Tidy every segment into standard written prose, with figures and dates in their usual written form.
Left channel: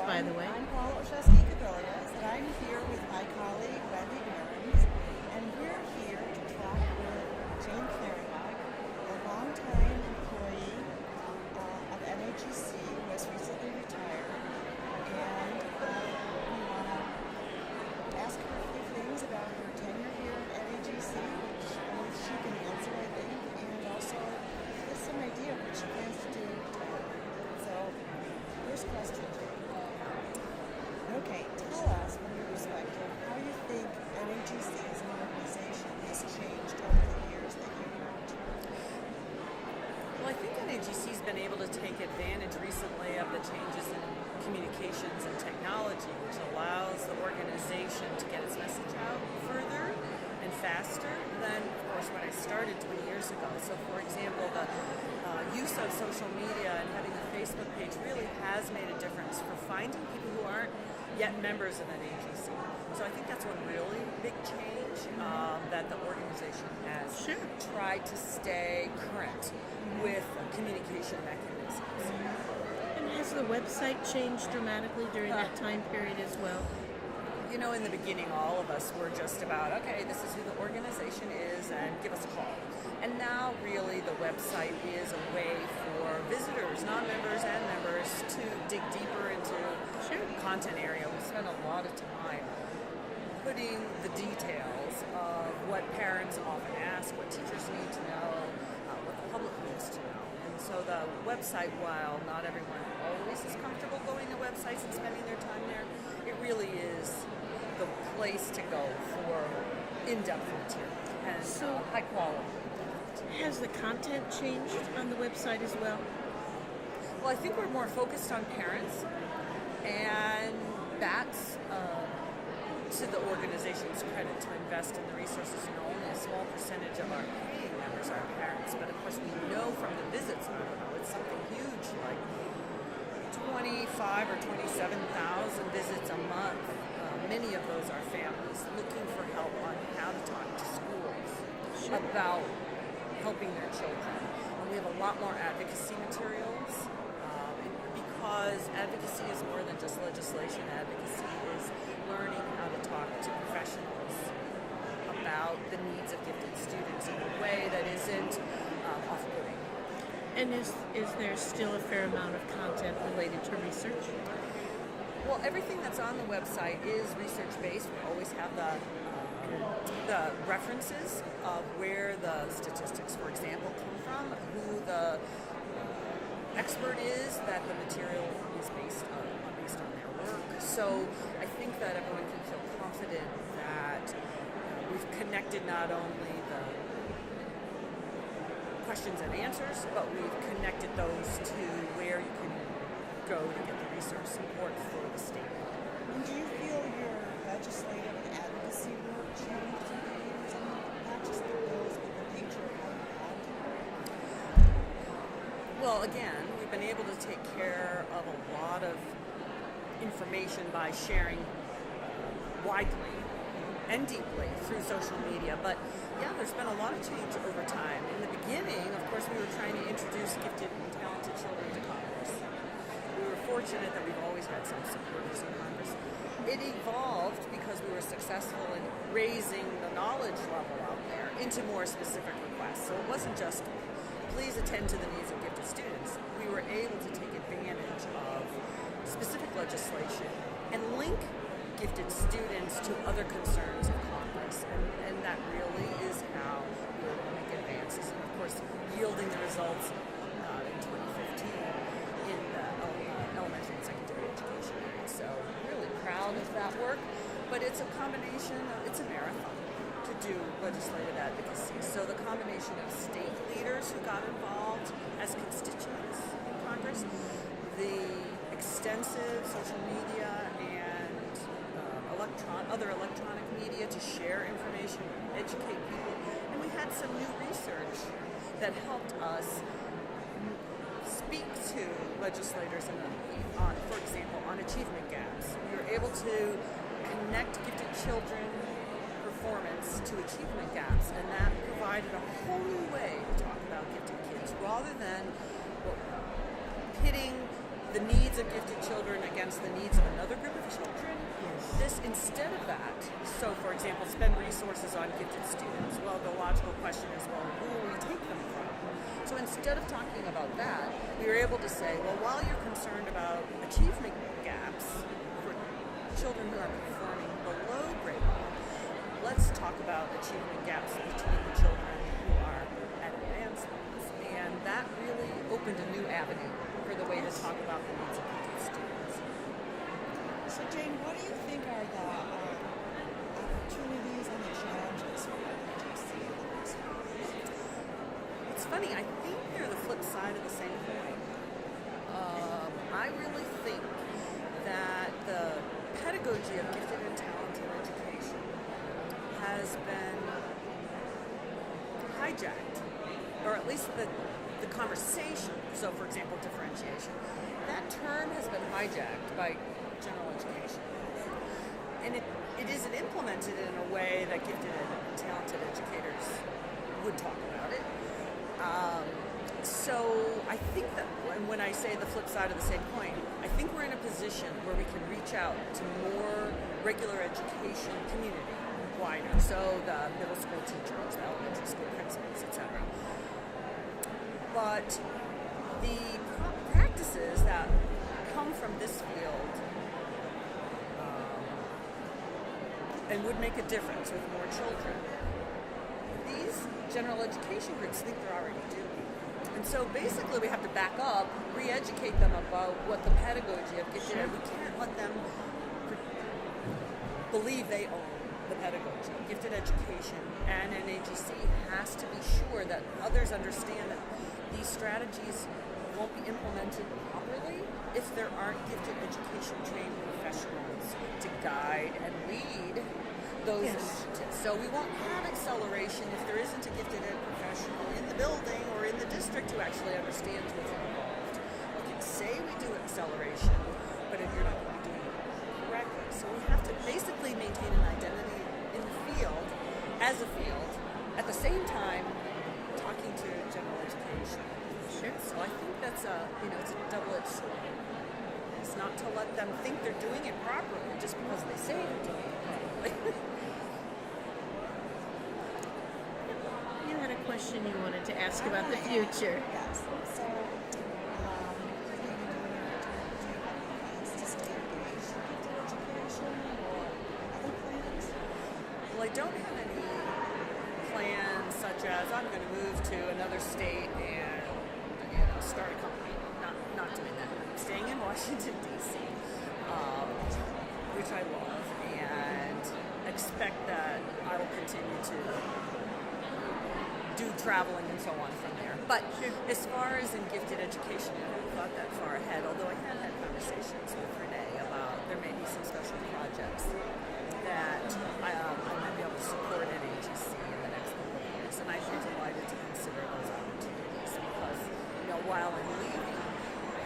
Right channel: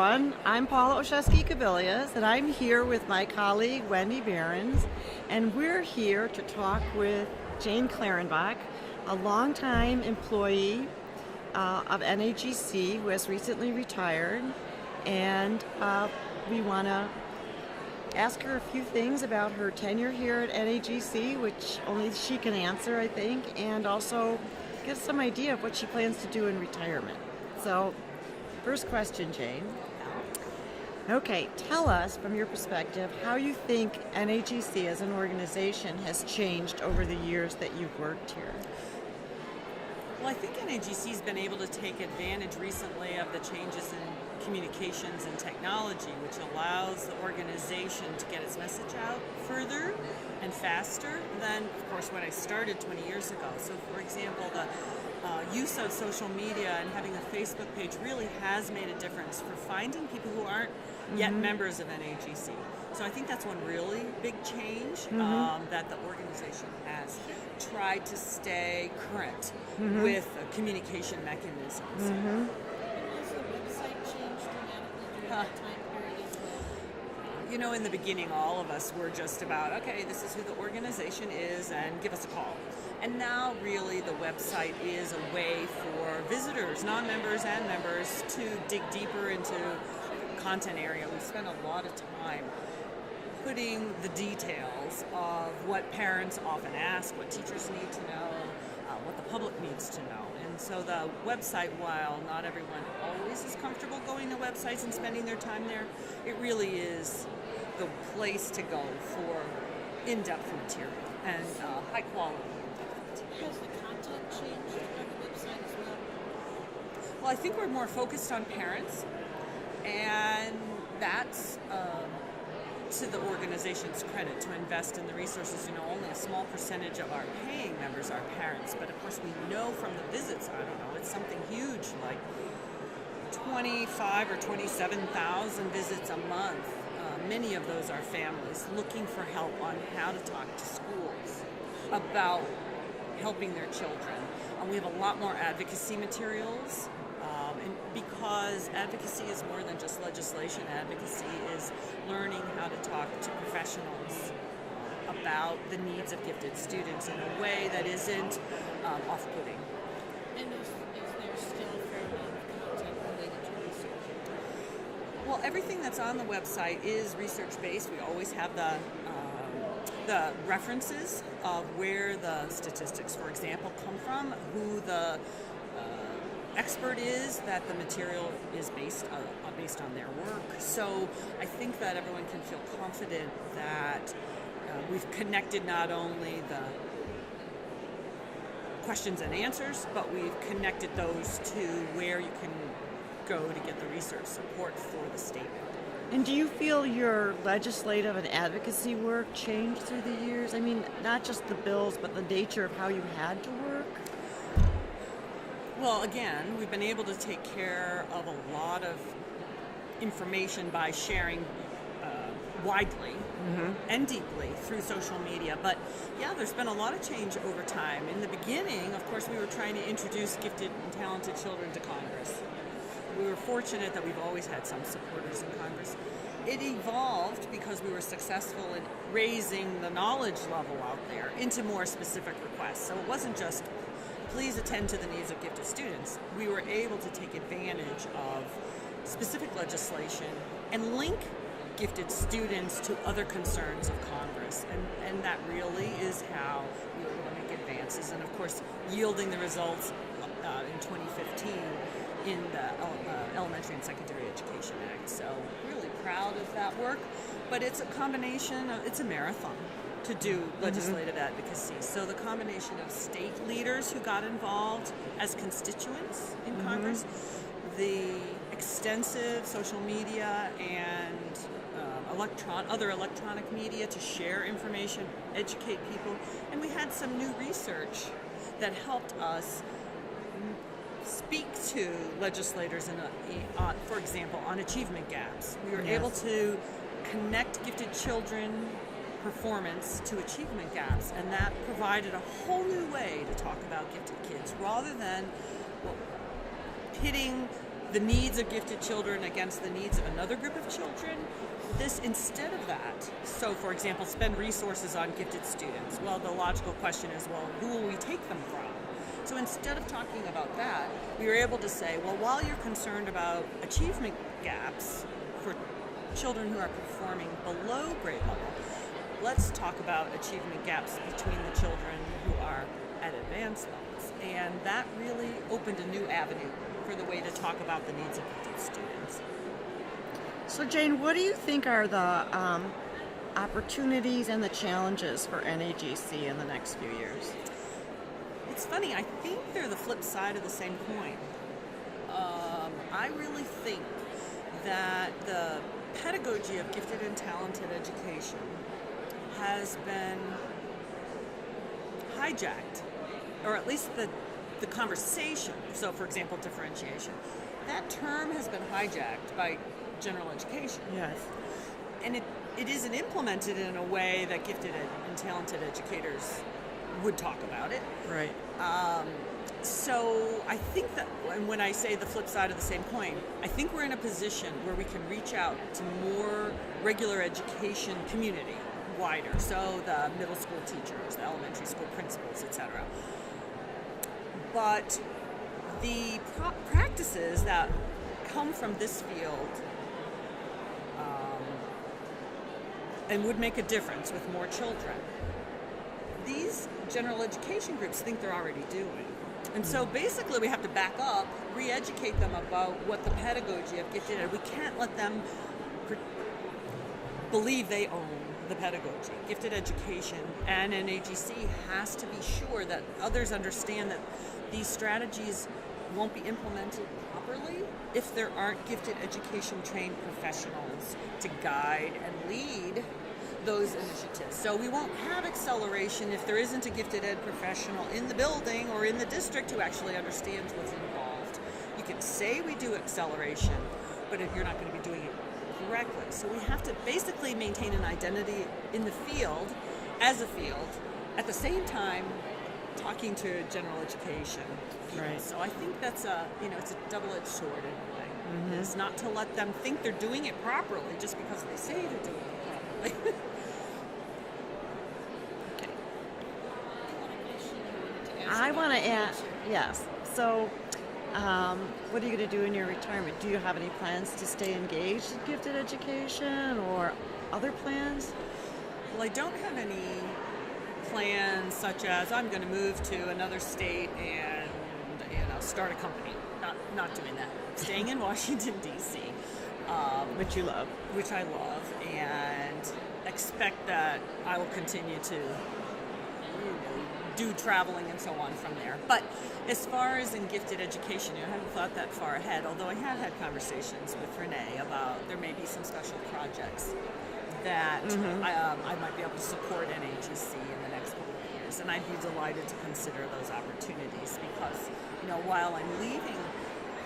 I'm Paula Olszewski-Kubilius, and I'm here with my colleague Wendy Behrens, and we're here to talk with Jane Clarenbach, a longtime employee of NAGC who has recently retired, and we want to ask her a few things about her tenure here at NAGC, which only she can answer, I think, and also get some idea of what she plans to do in retirement. So, first question, Jane. Okay, tell us from your perspective how you think NAGC as an organization has changed over the years that you've worked here. Well, I think NAGC's been able to take advantage recently of the changes in communications and technology, which allows the organization to get its message out further and faster than, of course, when I started 20 years ago. So, for example, the use of social media and having a Facebook page really has made a difference for finding people who aren't yet members of NAGC. So I think that's one really big change that the organization has tried to stay current with communication mechanisms. Has the website changed dramatically during that time period as well? You know, in the beginning, all of us were just about, okay, this is who the organization is and give us a call. And now, really, the website is a way for visitors, non-members and members, to dig deeper into content area. We spend a lot of time putting the details of what parents often ask, what teachers need to know, what the public needs to know. And so the website, while not everyone always is comfortable going to websites and spending their time there, it really is the place to go for in-depth material and high quality. Has the content changed on the website as well? Well, I think we're more focused on parents, and that's to the organization's credit to invest in the resources. You know, only a small percentage of our paying members are parents, but of course we know from the visits, I don't know, it's something huge, like 25 or 27,000 visits a month. Many of those are families looking for help on how to talk to schools about helping their children. We have a lot more advocacy materials, and because advocacy is more than just legislation. Advocacy is learning how to talk to professionals about the needs of gifted students in a way that isn't off-putting. And is there still a fair amount of content related to research? Well, everything that's on the website is research-based. We always have the references of where the statistics, for example, come from, who the expert is that the material is based on their work. So I think that everyone can feel confident that we've connected not only the questions and answers, but we've connected those to where you can go to get the research support for the state. And do you feel your legislative and advocacy work changed through the years? I mean, not just the bills, but the nature of how you had to work? Well, again, we've been able to take care of a lot of information by sharing widely and deeply through social media. But yeah, there's been a lot of change over time. In the beginning, of course, we were trying to introduce gifted and talented children to Congress. We were fortunate that we've always had some supporters in Congress. It evolved because we were successful in raising the knowledge level out there into more specific requests. So it wasn't just, please attend to the needs of gifted students. We were able to take advantage of specific legislation and link gifted students to other concerns of Congress. And that really is how we were able to make advances. And of course, yielding the results in 2015 in the Elementary and Secondary Education Act. So really proud of that work, but it's a combination of, it's a marathon to do legislative advocacy. So the combination of state leaders who got involved as constituents in Congress, the extensive social media and other electronic media to share information, educate people, and we had some new research that helped us speak to legislators, for example, on achievement gaps. We were able to connect gifted children performance to achievement gaps, and that provided a whole new way to talk about gifted kids rather than pitting the needs of gifted children against the needs of another group of children. This, instead of that, so for example, spend resources on gifted students. Well, the logical question is, well, who will we take them from? So instead of talking about that, we were able to say, well, while you're concerned about achievement gaps for children who are performing below grade level, let's talk about achievement gaps between the children who are at advanced levels. And that really opened a new avenue for the way to talk about the needs of gifted students. So Jane, what do you think are the opportunities and the challenges for NAGC in the next few years? It's funny, I think they're the flip side of the same coin. I really think that the pedagogy of gifted and talented education has been hijacked, or at least the conversation. So for example, differentiation. That term has been hijacked by general education. Yes. And it isn't implemented in a way that gifted and talented educators would talk about it. Right. So I think that when I say the flip side of the same coin, I think we're in a position where we can reach out to more regular education community, wider. So the middle school teachers, the elementary school principals, etc. But the practices that come from this field and would make a difference with more children, these general education groups think they're already doing. And so basically we have to back up, re-educate them about what the pedagogy of gifted ed. We can't let them believe they own the pedagogy. Gifted education and NAGC has to be sure that others understand that these strategies won't be implemented properly if there aren't gifted education trained professionals to guide and lead those initiatives. So we won't have acceleration if there isn't a gifted ed professional in the building or in the district who actually understands what's involved. You can say we do acceleration, but if you're not going to be doing it correctly. So we have to basically maintain an identity in the field, as a field, at the same time talking to general education. Right. So I think that's it's a double-edged sword in a way. Mm-hmm. It's not to let them think they're doing it properly just because they say they're doing it properly. You had a question you wanted to ask I about want to the ask, future. yes. So, what are you going to do in your retirement? Do you have any plans to stay engaged in gifted education or other plans? Well, I don't have any plans such as I'm going to move to another state and start a company. Not doing that. Staying in Washington, D.C., Which you love. which I love, and expect that I will continue to do traveling and so on from there. But as far as in gifted education, I haven't thought that far ahead, although I have had conversations with Renee about there may be some special projects that I might be able to support NAGC in the next couple of years. And I'd be delighted to consider those opportunities because, while I'm leaving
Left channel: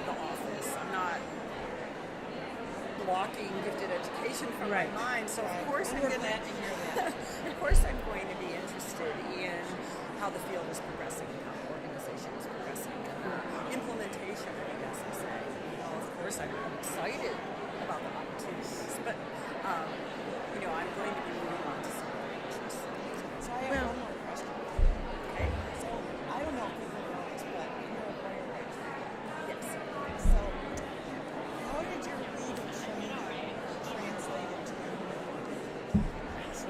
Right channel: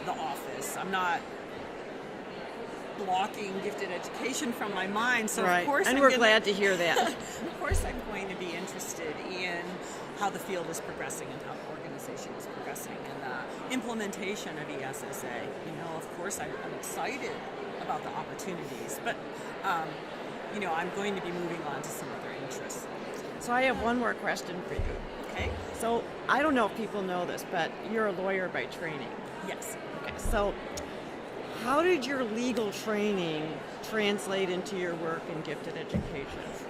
the office, I'm not blocking gifted education from my mind. So right. of course, and we're glad to hear that. Of course, I'm going to be interested in how the field is progressing and how the organization is progressing and the implementation of ESSA. Of course, I'm excited about the opportunities, but I'm going to be moving on to some other interests. So I have one more question for you. Okay? So I don't know if people know this, but you're a lawyer by training. Yes. Okay, so how did your legal training translate into your work in gifted education?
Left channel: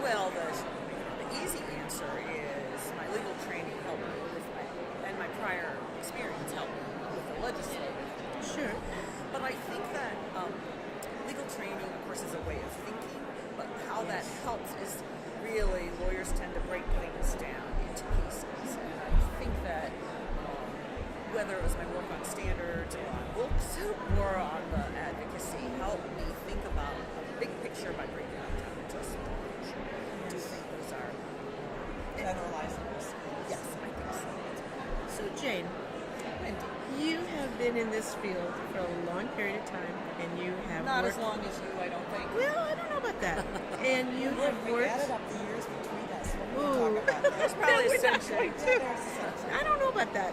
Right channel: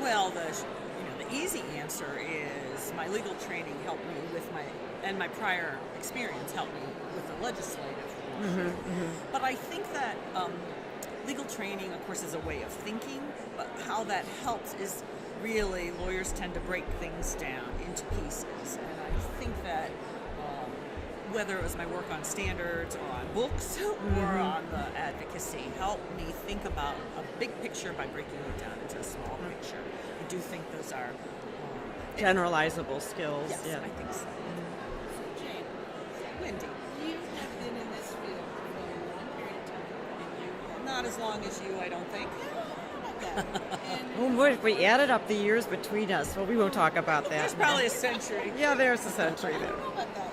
Well, the easy answer is my legal training helped me with my prior experience helped me with the legislative issue. But I think that legal training, of course, is a way of thinking, but how that helps is really lawyers tend to break things down into pieces. And I think that whether it was my work on standards or on books or on the advocacy, helped me think about a big picture by breaking it down into a small picture. I do think those are Generalizable skills. yes, Yeah. I think so. So Jane, Wendy, you have been in this field for a long period of time, and you have not as worked- long as you, I don't think. Well, I don't know about that. And you Well, have we worked- added up the years between us, so we won't talk about that. That's probably a century. Yeah, there's a century. I don't know about that.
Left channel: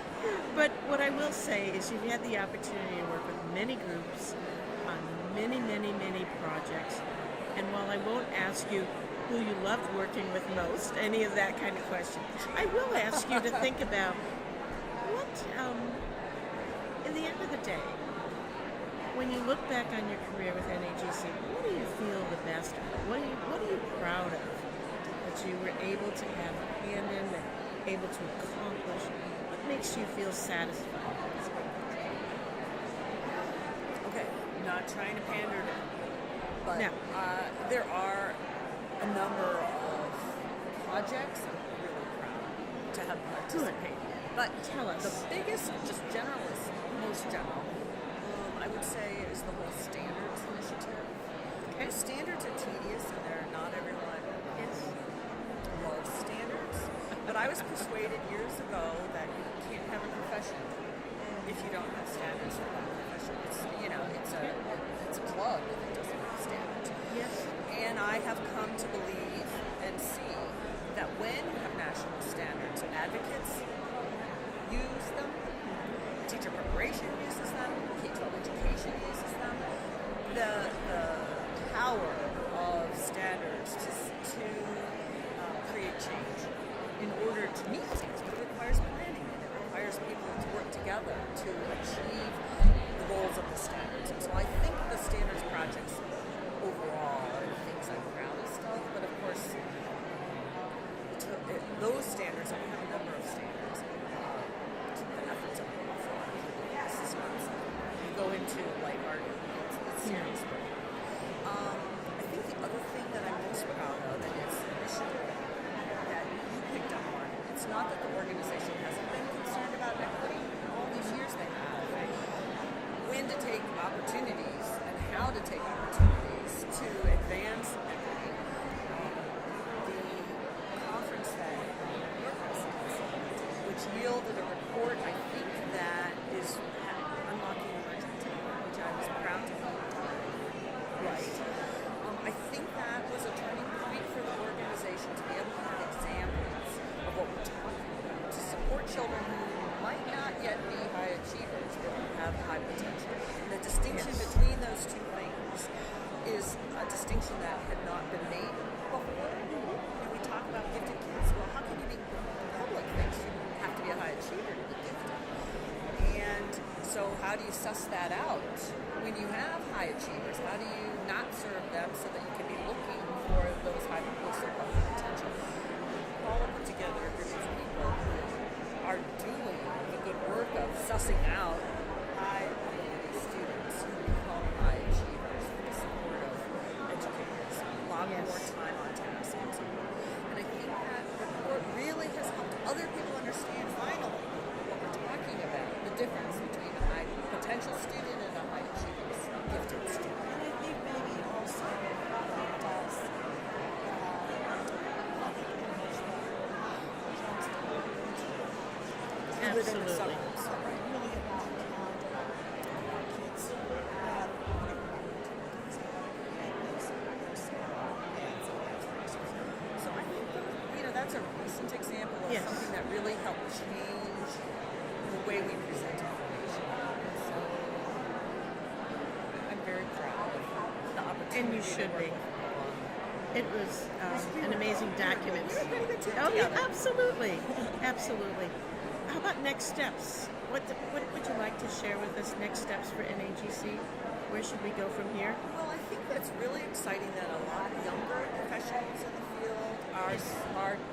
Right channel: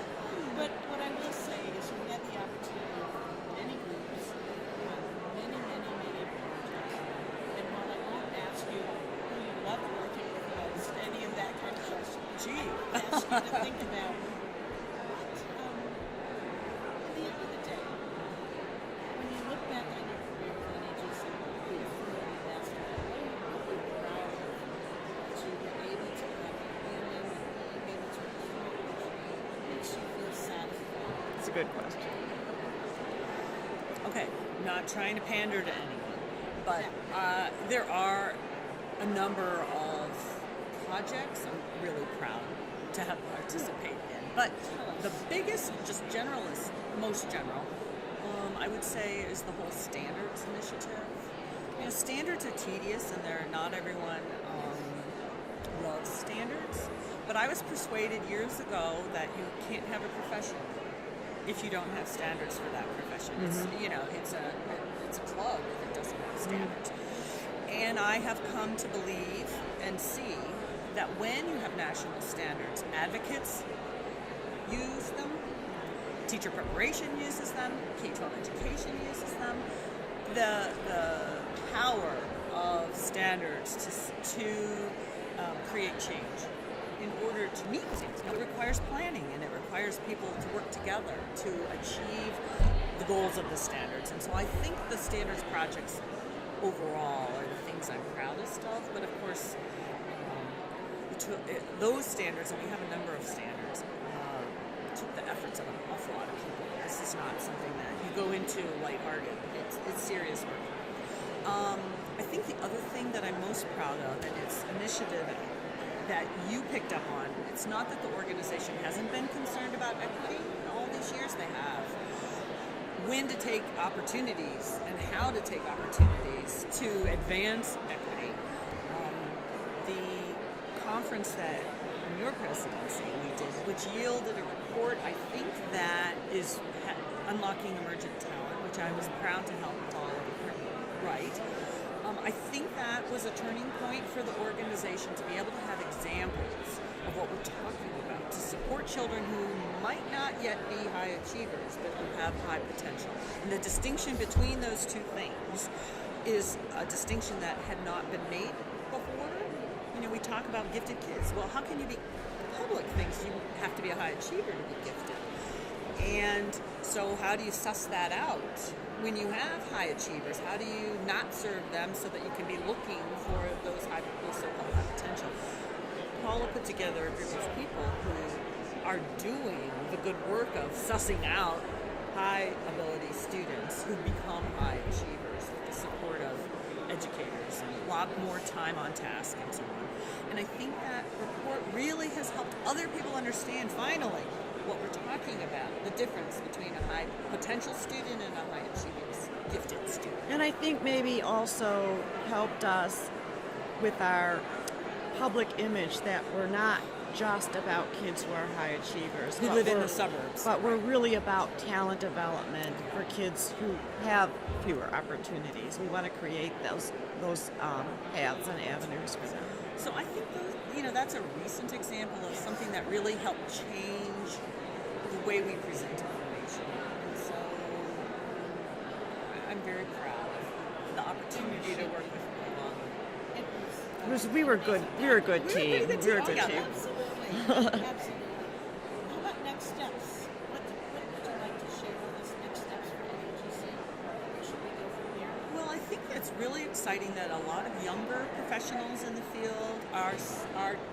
But what I will say is you've had the opportunity to work with many groups on many, many, many projects. And while I won't ask you who you love working with most, any of that kind of question, I will ask you to think about what, in the end of the day, when you look back on your career with NAGC, what do you feel the best about? What are you proud of that you were able to have handled and able to accomplish? What makes you feel satisfied? That's a good question. Okay, not trying to pander to anyone, but there are a number of projects I'm really proud to have participated in. But the biggest, just generalist, most general, I would say is the whole standards initiative. And standards are tedious, and not everyone loves standards. But I was persuaded years ago that you can't have a profession if you don't have standards for that profession. It's a plug if it doesn't have standards. And I have come to believe and see that when you have national standards, advocates use them, teacher preparation uses them, K-12 education uses them. The power of standards to create change in order to meet things. It requires planning, and it requires people to work together to achieve the goals of the standards. And so I think the standards projects overall are the things I'm proudest of. But of course, those standards, and we have a number of standards, took the efforts of an awful lot of people. This is not something that you go into lighthearted. It's serious work. I think the other thing that I'm most proud of, and it's an initiative that you picked up on, it's not that the organization hasn't been concerned about equity. In all these years they have. When to take opportunities and how to take opportunities to advance equity. The conference that your presidency did, which yielded a report, I think that is Unlocking Emergent Talent, which I was proud to help Paula write. I think that was a turning point for the organization to be able to have examples of what we're talking about, to support children who might not yet be high achievers, but who have high potential. And the distinction between those two things is a distinction that had not been made before. We talk about gifted kids. Well, how can you be, public thinks you have to be a high achiever to be gifted. And so how do you suss that out when you have high achievers? How do you not serve them so that you can be looking for those high potential? Paula put together a group of people who are doing the good work of sussing out high ability students who become high achievers with the support of educators and a lot more time on task and so on. And I think that report really has helped other people understand finally what we're talking about, the difference between a high potential student and a high achieving gifted student. And I think maybe also helped us with our public image that we're not just about kids who are high achievers. Who live in the suburbs. But we're really about talent development for kids who have fewer opportunities. We want to create those paths and avenues for them. So I think that's a recent example of something that really helped change the way we present information. And so I'm very proud of the opportunity to work with Paula. We were good. We were a good team. Absolutely. Absolutely. How about next steps? What would you like to share with us? Next steps for NAGC? Where should we go from here? Well, I think that's really exciting that a lot of younger professionals in the field are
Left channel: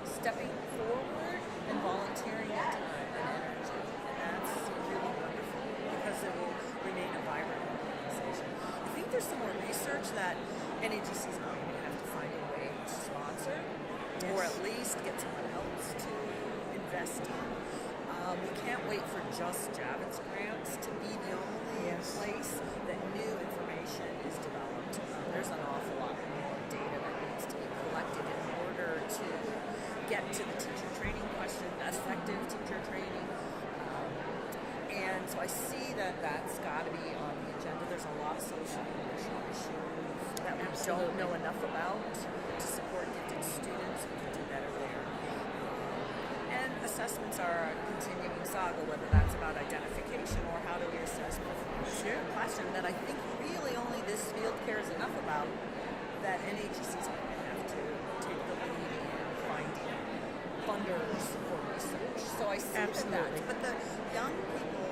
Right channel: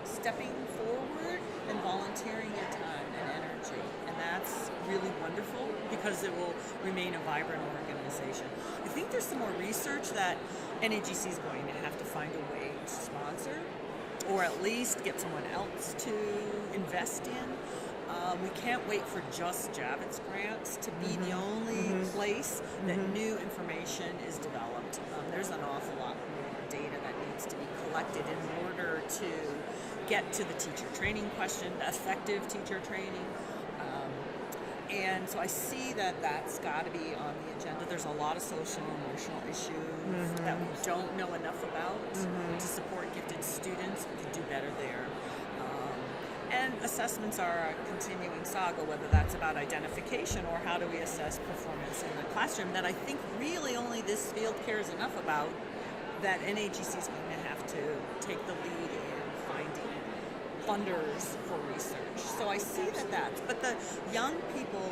stepping forward and volunteering their time and energy. And that's really wonderful because it will remain a vibrant organization. I think there's some more research that NAGC is going to have to find a way to sponsor or at least get someone else to invest in. We can't wait for just Javits grants to be the only place that new information is developed. There's an awful lot more data that needs to be collected in order to get to the teacher training question, effective teacher training. And so I see that that's got to be on the agenda. There's a lot of social and emotional issues that we don't know enough about to support gifted students. We can do better there. And assessments are a continuing saga, whether that's about identification or how do we assess performance in the classroom, that I think really only this field cares enough about, that NAGC is going to have to take the lead in finding funders for research. So I see that's, but the young people,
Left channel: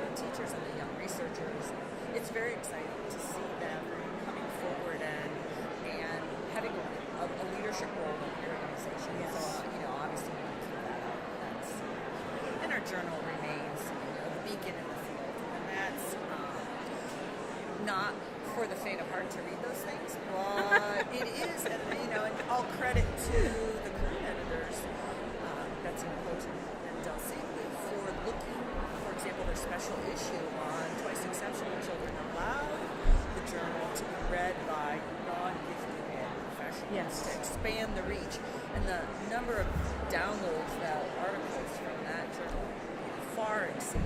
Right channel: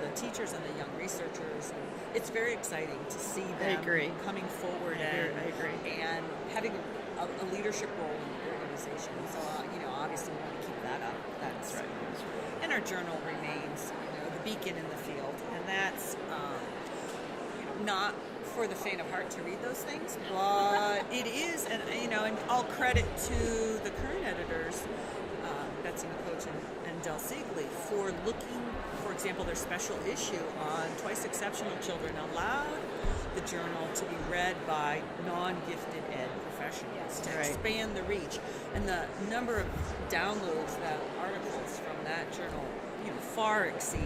the teachers and the young researchers, it's very exciting to see them coming forward and having a leadership role in the organization. So, obviously we want to keep that up. And our journal remains the beacon in the field. And that's not for the faint of heart to read those things, but it is, and all credit to the current editors, Betsy McCoach and Del Siegley, for looking, for example, their special issue on twice exceptional children allowed the journal to be read by non-gifted ed professionals to expand the reach. And the number of downloads that articles from that journal far exceed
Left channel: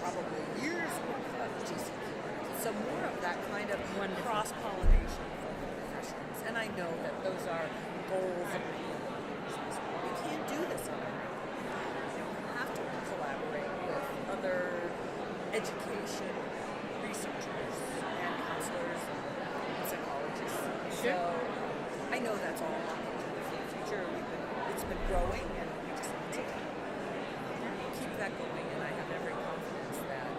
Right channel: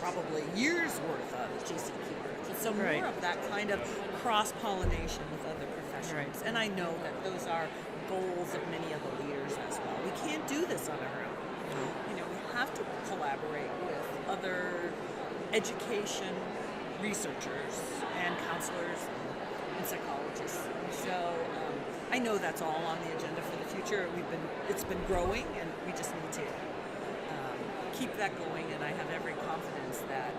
probably years worth of GCQ articles. So more of that kind of cross-pollination with other professionals. And I know that those are goals of many of the leaders as well. We can't do this on our own. We have to collaborate with other education researchers and counselors and psychologists. So I know that's all on the agenda for the future. It's been growing, and we just need to keep that going. And I have every confidence that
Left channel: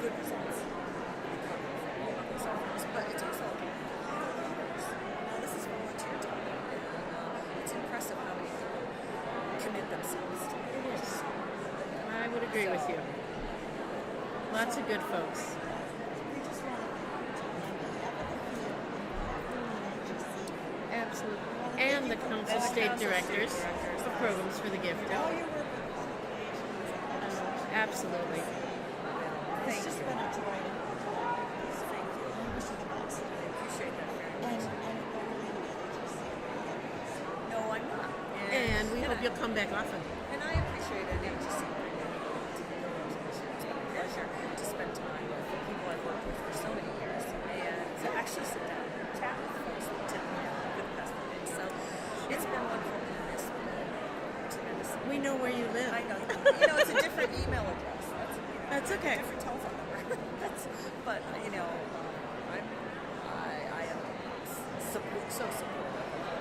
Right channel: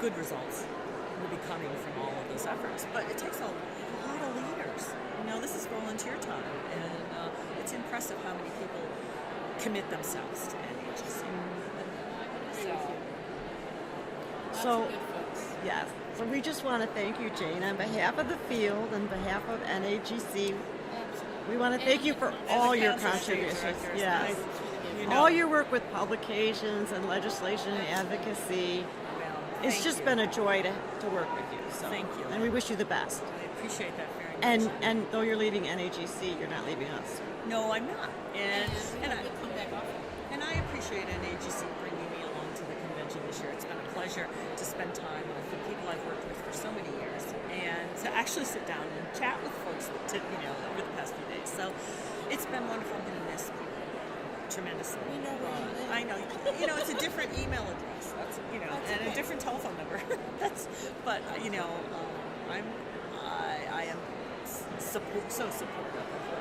good results will be coming from all of those efforts. But it takes a lot of leaders. This is volunteer time, and it's impressive how many people commit themselves to it. I would agree with you. Lots of good folks. Yes. So we just want to thank you, Jane, on behalf of the field, on behalf of NAGC. Absolutely. We want to thank you for As all a your council contributions. director, Yes. Thanks for the gift. All your work with publications and legislation and Absolutely. advocacy. Well, It's just been a joy to work with you. So. Thank you. And we wish you the best. I appreciate that very much. And though you're leaving NAGC, you're not leaving us. No, I'm not. And we hope you'll come back often. And I appreciate NAGC bringing me along to the convention this year. It's been a pleasure to spend time with the people I've worked with for so many years, and to actually sit down and chat with folks over the past few days. So it's been wonderful and missed tremendously. We know where you live. I know. It's a different email address. That's and okay. a different telephone number. But I am so supportive of what